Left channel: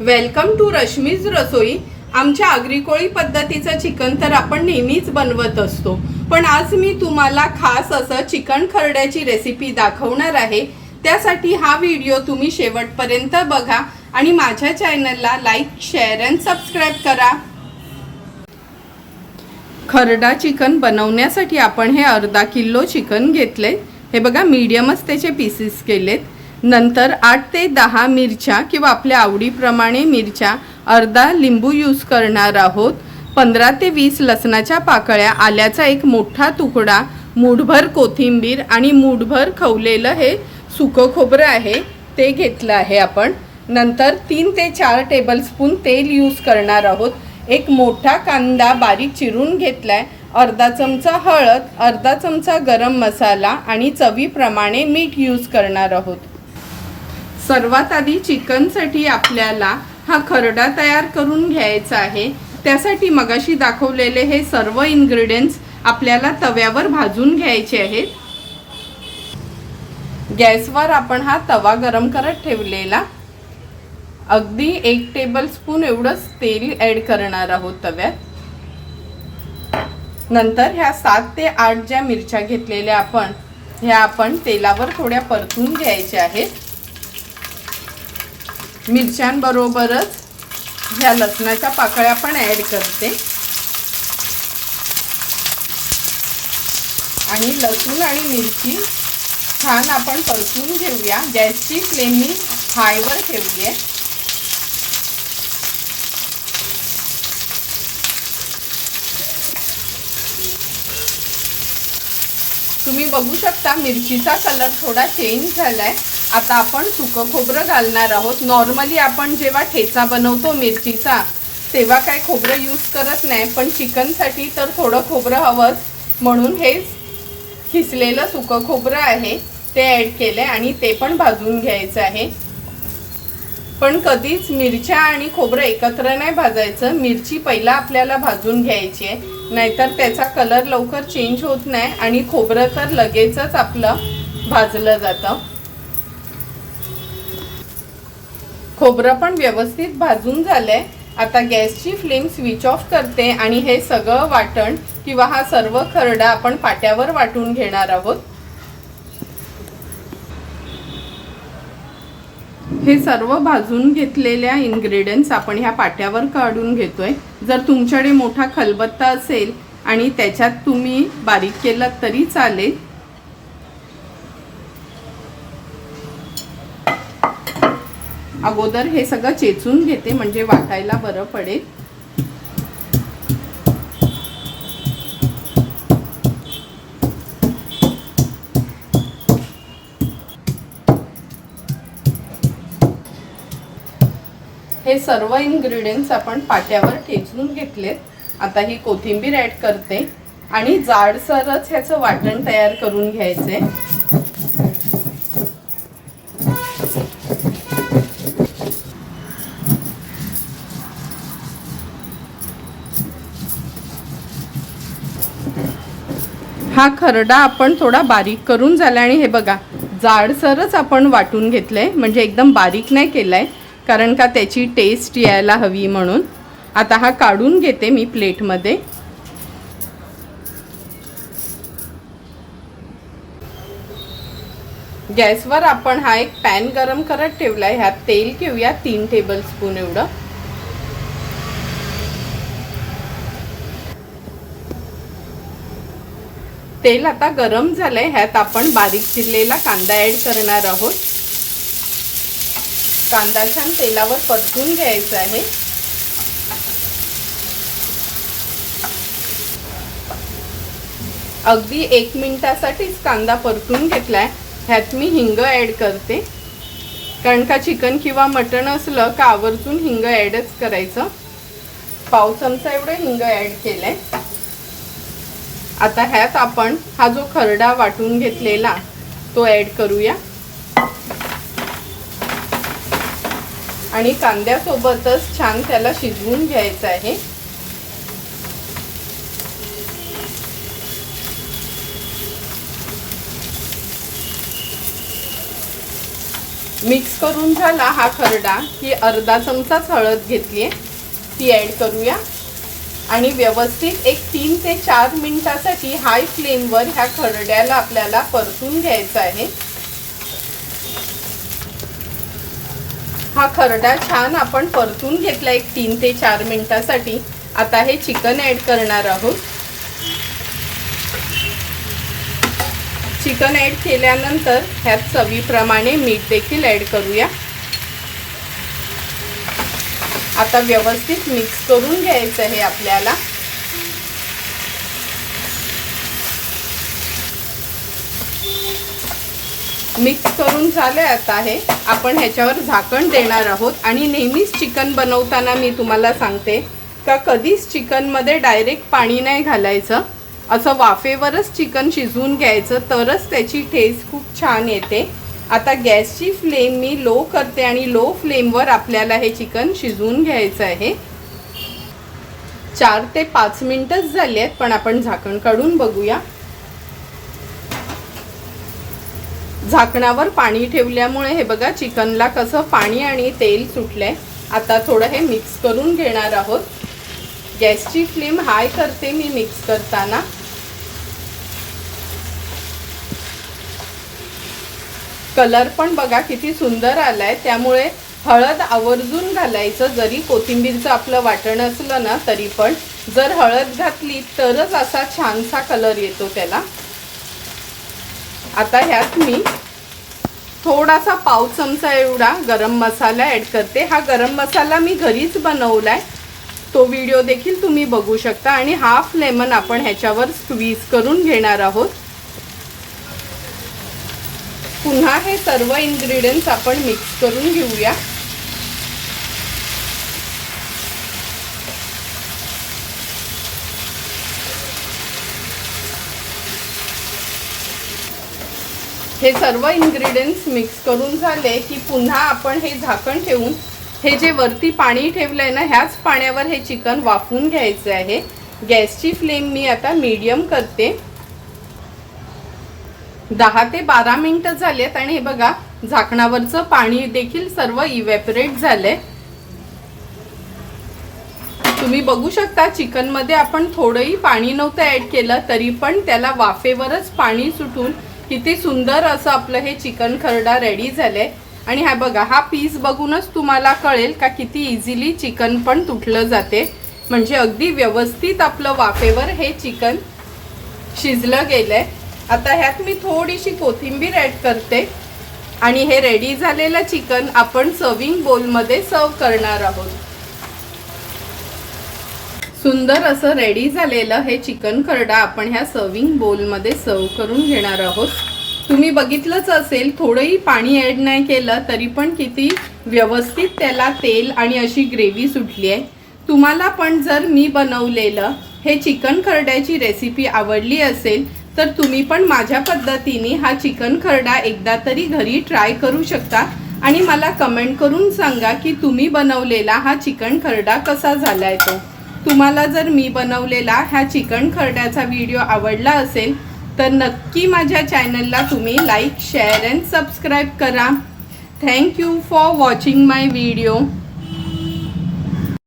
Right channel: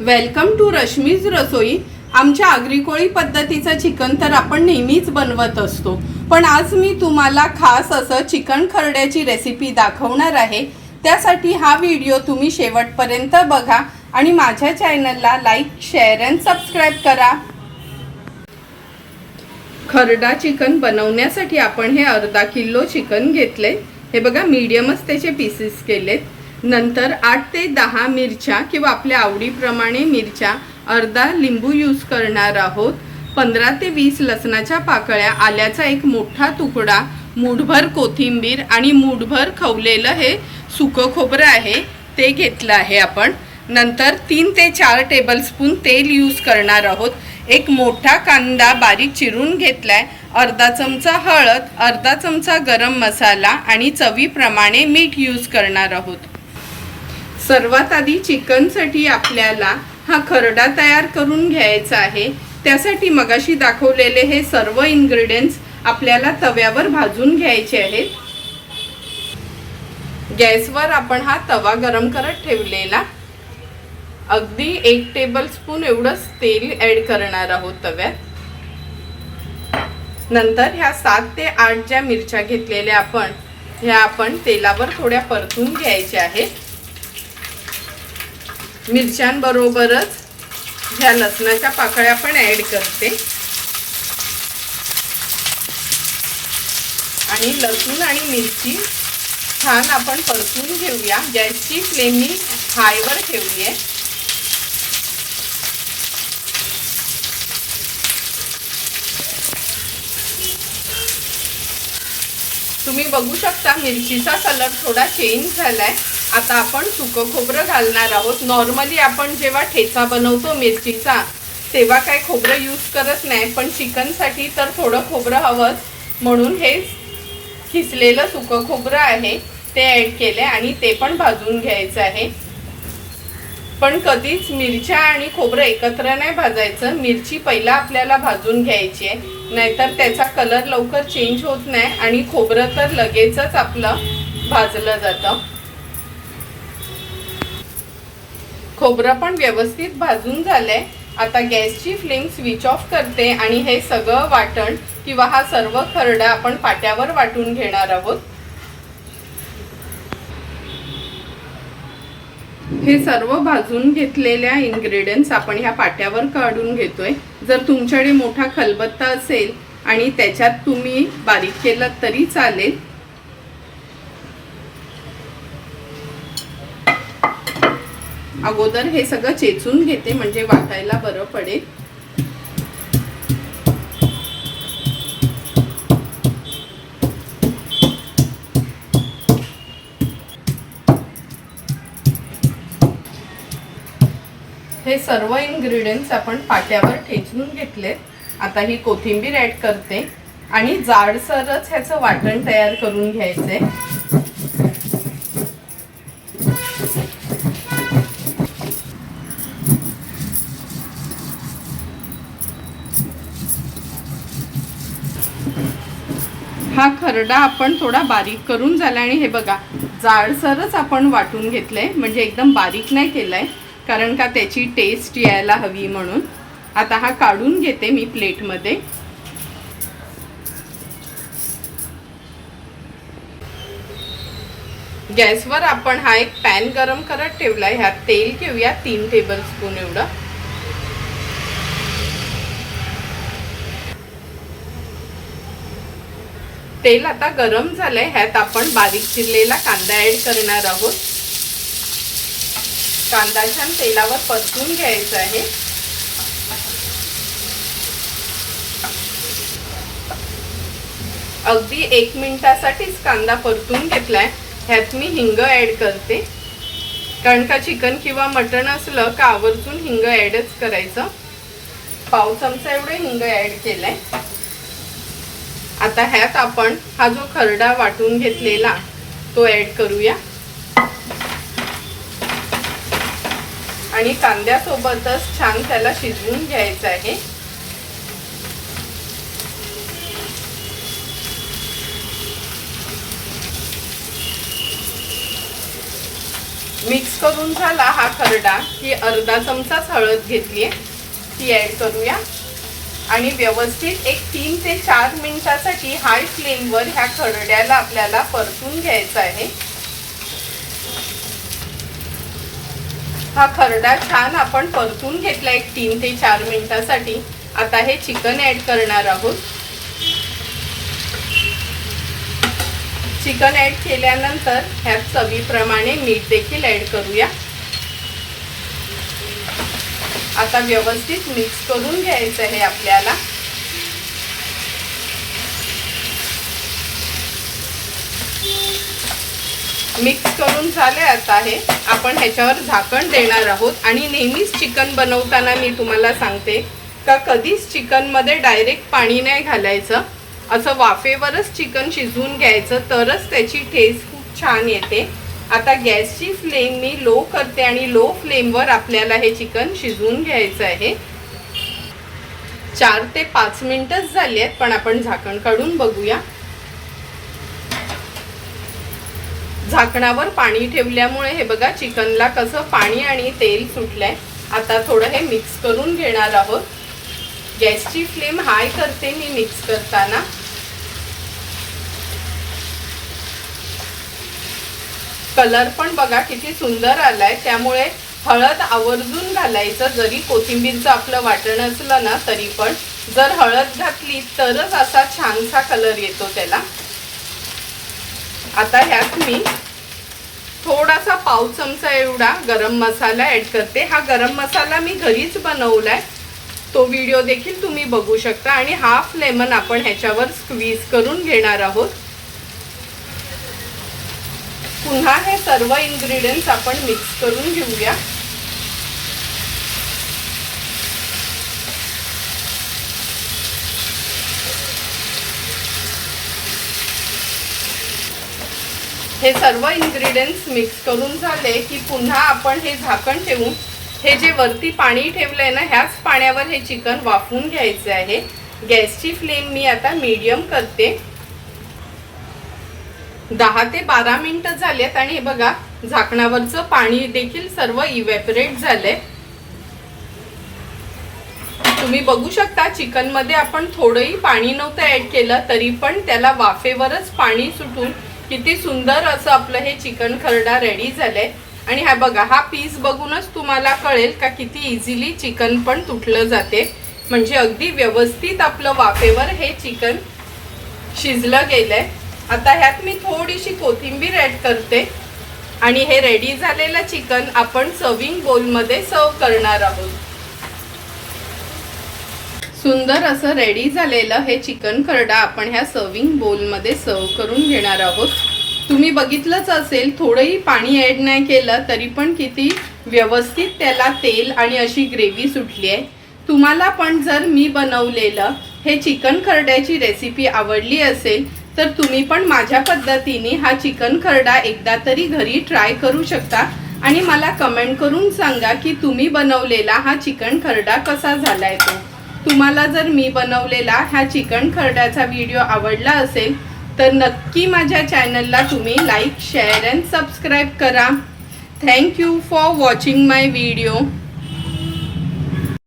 Welcome to Rashmi's रसोई। आमच्या आगरी कोळी पद्धतीचं chicken तर आपण नेहमीच बनवत असतो, पण आज मी तुम्हाला खास असं चिकन खरड्याची रेसिपी दाखवणार आहे। त्यासाठी हा व्हिडिओ तुम्ही शेवटपर्यंत बघा आणि माझ्या चॅनलला लाईक, शेअर आणि सबस्क्राइब करा। खरडा चिकन बनवण्यासाठी आपण हे अर्धा किलो चिकन घेतले। हे बघा, मीडियमच त्याचे पीसेस केलेत। नंतर 8 ते 10 मिरच्या किंवा आपल्या आवडीप्रमाणे मिरच्या, अर्धा लिंबू यूज करणार आहोत। 15 ते 20 लसणाच्या पाकळ्या, आल्याचा एक मोठा तुकडा, मूठभर कोथिंबीर आणि मूठभर खवलेलं हे सुकं खोबरं आहे ते घेतलं आहे आपण। नंतर 3 ते 4 टेबलस्पून तेल यूज करणार आहोत। एक मोठा कांदा बारीक चिरून घेतलाय, अर्धा चमचा हळद, अर्धा चमचा गरम मसाला आणि चवीप्रमाणे मीठ यूज करणार आहोत। सर्वात आधी चिकनसाठी आपल्याला हा खरडा तयार करून घ्यायचा आहे। त्यासाठी मगाशी दाखवलेले हे सर्व इन्ग्रेडियंट्स आपल्याला तव्यावर भाजून घ्यायचे आहेत। गॅसवर आपण हा तवा गरम करत ठेवलेला, अगदी 1 टेबलस्पून एवढंच तेल ॲड करणार आहोत तव्यात। नंतर ह्या 7 ते 8 ज्या मिरच्या घेतलेल्या ह्या आपण तेलावर थोड्या परतून घ्यायच्या आहेत। मिरच्यांबरोबरच ह्या लसणाच्या पाकळ्या पण ॲड करते आणि लसूण आणि मिरची छान आपण परतून घेऊया। गॅसची फ्लेम मी हायवर ठेवली आहे। तुम्ही बघू शकता मिरचीचा कलर थोडा चेंज झालाय। आता आपण सुकं खोबरं घालणार आहोत। नॉर्मली आपण जेव्हा ठेचा बनवतो मिरचीचा तेव्हा काय खोबरं यूज करत नाही, पण चिकनसाठी तर थोडं खोबरं हवंच, म्हणून हे खिसलेलं सुकं खोबरं आहे ते ॲड केले आणि ते पण भाजून घ्यायचं आहे। पण कधीच मिरच्या आणि खोबरं एकत्र नाही भाजायचं, मिरची पहिला आपल्याला भाजून घ्यायची आहे, नाहीतर त्याचा कलर लवकर चेंज होत नाही आणि खोबरं तर लगेचच आपलं भाजलं जातं। खोबरं पण व्यवस्थित भाजून झालंय। आता गॅसची फ्लेम स्विच ऑफ करते आणि हे सगळं वाटण किंवा हा सर्व खरडा आपण पाट्यावर वाटून घेणार आहोत। हे सर्व भाजून घेतलेल्या इन्ग्रेडियंट्स आपण ह्या पाट्यावर काढून घेतोय। जर तुमच्याकडे मोठा खलबत्ता असेल आणि त्याच्यात तुम्ही बारीक केलं तरी चालेल। अगोदर हे सगळं चेचून घेते म्हणजे वाटायला बरं पडेल। हे सर्व इन्ग्रेडियंट्स आपण पाट्यावर ठेचून घेतलेत। आता ही कोथिंबीर ॲड करते आणि जाडसरच ह्याचं वाटण तयार करून घ्यायचंय। हा खरडा आपण थोडा बारीक करून झाला आणि हे बघा जाडसरच आपण वाटून घेतलंय, म्हणजे एकदम बारीक नाही केलाय, कारण का त्याची टेस्ट यायला हवी म्हणून। आता हा काढून घेते मी प्लेटमध्ये। गॅसवर आपण हा एक पॅन गरम करत ठेवलाय, ह्यात तेल घेऊया 3 टेबलस्पून एवढं। तेल आता गरम झालंय, ह्यात आपण बारीक चिरलेला कांदा ॲड करणार आहोत। कांदा छान तेलावर परतून घ्यायचा आहे। अगदी 1 मिनिटासाठीच कांदा परतून घेतलाय। ह्यात मी हिंग ॲड करते, कारण का चिकन किंवा मटण असलं का आवर्जून हिंग ॲडच करायचं। पाव चमचा एवढे हिंग ॲड केलंय। आता ह्यात आपण हा जो खरडा वाटून घेतलेला तो ॲड करूया आणि कांद्यासोबतच छान त्याला शिजवून घ्यायचं आहे। मिक्स करून झाला हा खरडा की अर्धा चमचाच हळद घेतली आहे, ती ॲड करूया आणि व्यवस्थित एक 3 ते 4 मिनिटासाठी हाय फ्लेमवर ह्या खरड्याला आपल्याला परतून घ्यायचा आहे। हा खरडा छान आपण परतून घेतला एक 3 ते 4 मिनिटासाठी। आता हे चिकन ॲड करणार आहोत। चिकन ॲड केल्यानंतर ह्यात चवीप्रमाणे मीठ देखील ॲड करूया। आता व्यवस्थित मिक्स करून घ्यायचं आहे आपल्याला। मिक्स करून झाले आता हे आपण ह्याच्यावर झाकण देणार आहोत आणि नेहमीच चिकन बनवताना मी तुम्हाला सांगते का कधीच चिकनमध्ये डायरेक्ट पाणी नाही घालायचं, असं वाफेवरच चिकन शिजवून घ्यायचं, तरच त्याची टेस्ट खूप छान येते। आता गॅसची फ्लेम मी लो करते आणि लो फ्लेमवर आपल्याला हे चिकन शिजवून घ्यायचं आहे। 4 ते 5 मिनिटच झाली आहेत, पण आपण झाकण काढून बघूया। झाकणावर पाणी ठेवल्यामुळे हे बघा चिकनला कसं पाणी आणि तेल सुटलंय। आता थोडं हे मिक्स करून घेणार आहोत। गॅसची फ्लेम हाय करते मी मिक्स करताना। कलर पण बघा किती सुंदर आलाय, त्यामुळे हळद आवर्जून घालायचं। जरी कोथिंबीरचं आपलं वाटण असलं ना तरी पण जर हळद घातली तरच असा छानसा कलर येतो त्याला। आता ह्यात मी थोडासा पाव चमचा एवढा गरम मसाला ॲड करते। हा गरम मसाला मी घरीच बनवलाय, तो व्हिडिओ देखील तुम्ही बघू शकता। आणि हाफ लेमन आपण ह्याच्यावर स्क्वीज करून घेणार आहोत। पुन्हा हे सर्व इन्ग्रेडियंट्स आपण मिक्स करून घेऊया। हे सर्व इन्ग्रेडियंट्स मिक्स करून झाले की पुन्हा आपण हे झाकण ठेवून हे जे वरती पाणी ठेवलंय ना ह्याच पाण्यावर हे चिकन वाफवून घ्यायचे आहे। गॅसची फ्लेम मी आता मीडियम करते। 10 ते 12 मिनिटं झालेत आणि हे बघा झाकणावरचं पाणी देखील सर्व इव्हॅपोरेट झालंय। तुम्ही बघू शकता चिकन मध्ये आपण थोडंही पाणी नव्हतं ॲड केलं तरी पण त्याला वाफेवरच पाणी सुटून किती सुंदर असं आपलं हे चिकन खरडा रेडी झालंय। आणि हा बघा हा पीस बघूनच तुम्हाला कळेल का किती इझिली चिकन पण तुटलं जाते, म्हणजे अगदी व्यवस्थित आपलं वाफेवर हे चिकन शिजलं गेलंय। आता ह्यात मी थोडीशी कोथिंबीर ॲड करते आणि हे रेडी झालेलं चिकन आपण सर्विंग बोलमध्ये सर्व करणार आहोत। सुंदर असं रेडी झालेलं हे चिकन खरडा आपण ह्या सर्विंग बोलमध्ये सर्व करून घेणार आहोत। तुम्ही बघितलंच असेल थोडंही पाणी ॲड नाही केलं तरी पण किती व्यवस्थित त्याला तेल आणि अशी ग्रेव्ही सुटली आहे। तुम्हाला पण जर मी बनवलेलं हे चिकन खरड्याची रेसिपी आवडली असेल तर तुम्ही पण माझ्या पद्धतीने हा चिकन खरडा एकदा तरी घरी ट्राय करू शकता आणि मला कमेंट करून सांगा की तुम्ही बनवलेला हा चिकन खरडा कसा झालाय तो। तुम्हाला जर मी बनवलेला हा चिकन खरड्याचा व्हिडिओ आवडला असेल तर नक्की माझ्या चॅनलला तुम्ही लाईक, शेअर अँड सबस्क्राईब करा। Thank you for watching my video.